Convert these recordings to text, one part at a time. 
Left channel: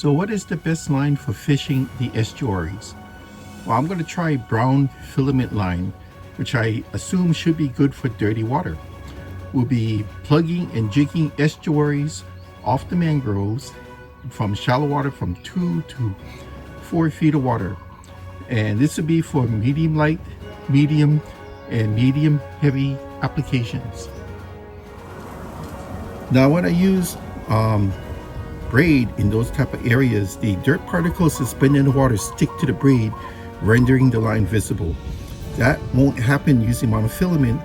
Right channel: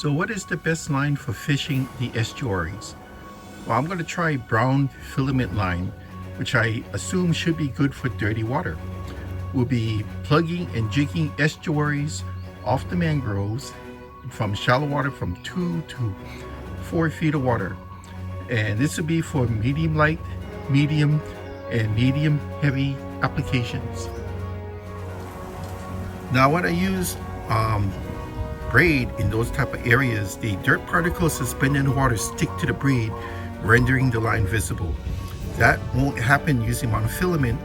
So what is the best line for fishing the estuaries? Well, I'm going to try brown filament line, which I assume should be good for dirty water. We'll be plugging and jigging estuaries off the mangroves from shallow water from 2 to 4 feet of water. And this will be for medium light, medium, and medium heavy applications. Now when I use braid in those type of areas, the dirt particles suspended in the water stick to the braid, rendering the line visible. That won't happen using monofilament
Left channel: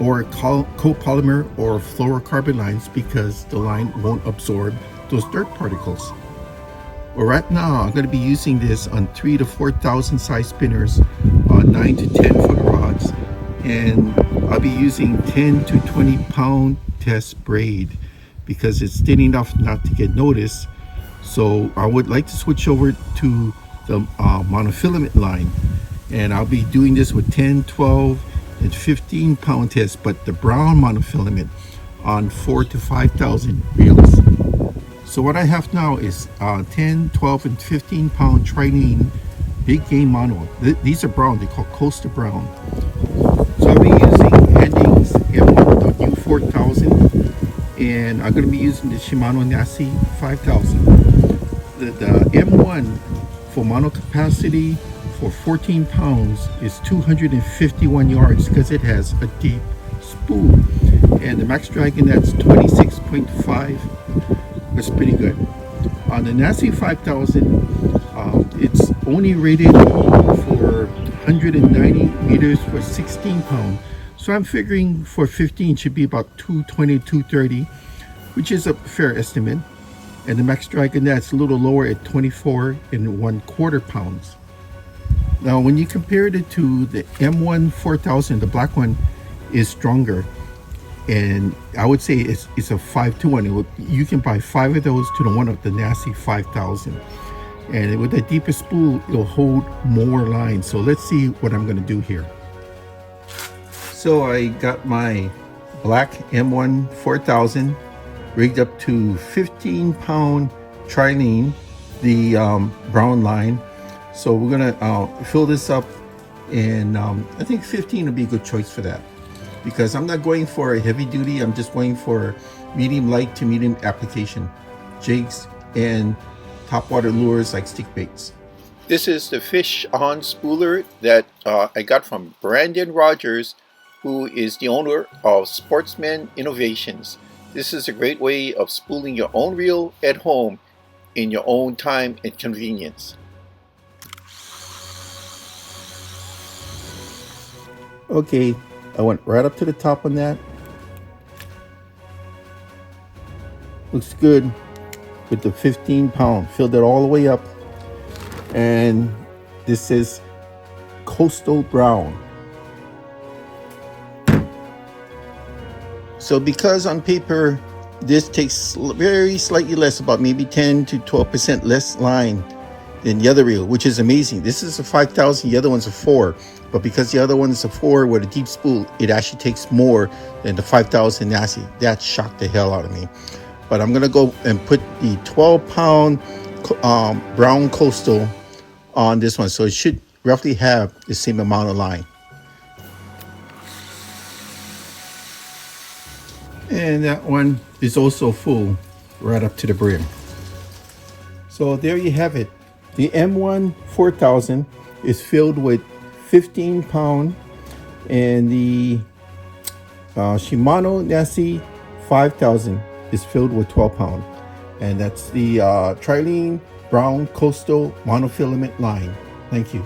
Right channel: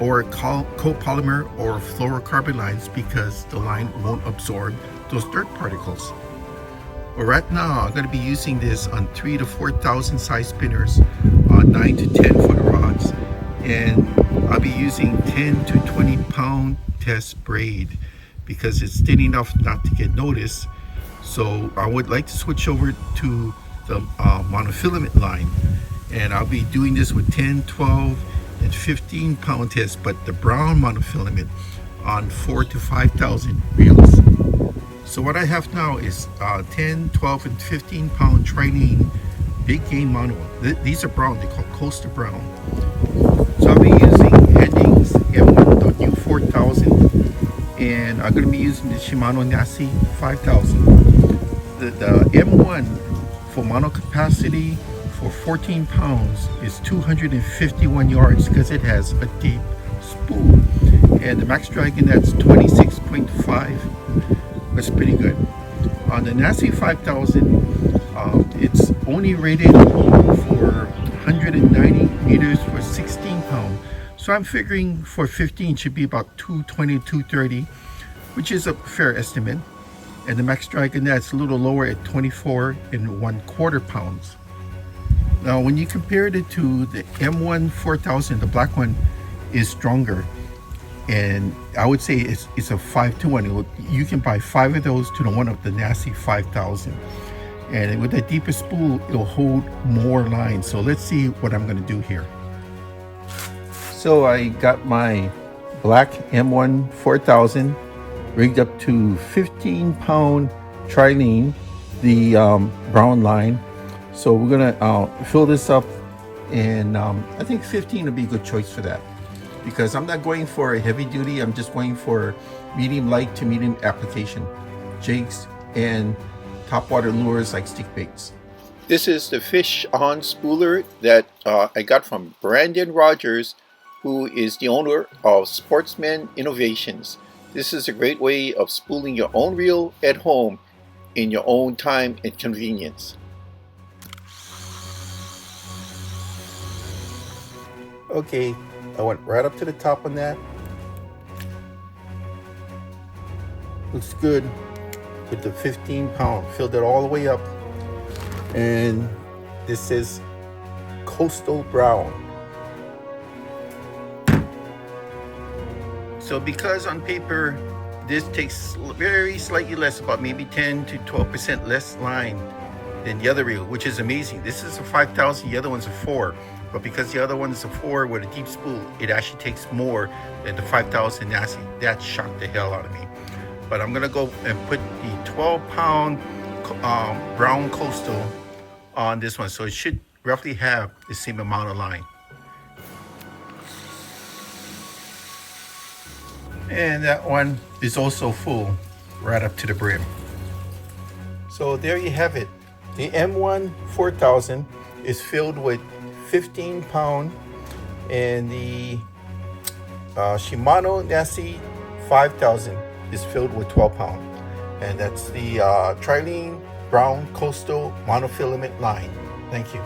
or co-polymer or fluorocarbon lines because the line won't absorb those dirt particles. Well, right now I'm going to be using this on 3,000 to 4,000 size spinners on 9 to 10 foot rods, and I'll be using 10 to 20 pound test braid because it's thin enough not to get noticed. So I would like to switch over to the monofilament line, and I'll be doing this with 10, 12, and 15 pound tests, but the brown monofilament on 4,000 to 5,000 reels. So what I have now is 10, 12, and 15 pound Trilene big game mono. These are brown, they're called Coaster Brown. So I'll be using Endings M1U4000, and I'm going to be using the Shimano Nasi 5000. The M1 for mono capacity for 14 pounds is 251 yards because it has a deep spool, and the max dragging that's 26.5. That's pretty good. On the Nasi 5000, it's only rated for 190 meters for 16 pound. So I'm figuring for 15 should be about 220, 230, which is a fair estimate. And the max drag in that's a little lower at 24 and 1/4 pounds. Now, when you compared it to the M1 4000, the black one is stronger. And I would say it's a 5-to-1. You can buy 5 of those to the one of the Nasi 5000. And with a deeper spool, it'll hold more line. So let's see what I'm going to do here. So I got my black M1 4000 rigged up to 15 pound Trilene, the brown line. So we're gonna fill this up, and I think 15 would be a good choice for that, because I'm not going for a heavy duty. I'm just going for medium light to medium application, jigs and topwater lures like stick baits. This is the fish on spooler that I got from Brandon Rogers, who is the owner of Sportsman Innovations. This is a great way of spooling your own reel at home in your own time and convenience. Okay, I went right up to the top on that. Looks good with the 15 pound. Filled it all the way up. And this is Coastal Brown. So because on paper, this takes very slightly less, about maybe 10 to 12% less line than the other reel, which is amazing. This is a 5000, the other one's a 4. But because the other one is a 4 with a deep spool, it actually takes more than the 5000 Nasi. That shocked the hell out of me. But I'm gonna go and put the 12 pound brown coastal on this one. So it should roughly have the same amount of line. And that one is also full right up to the brim. So there you have it. The M1 4000 is filled with 15 pound, and the Shimano Nasi 5000 is filled with 12 pound. And that's the Trilene Brown Coastal Monofilament line. Thank you.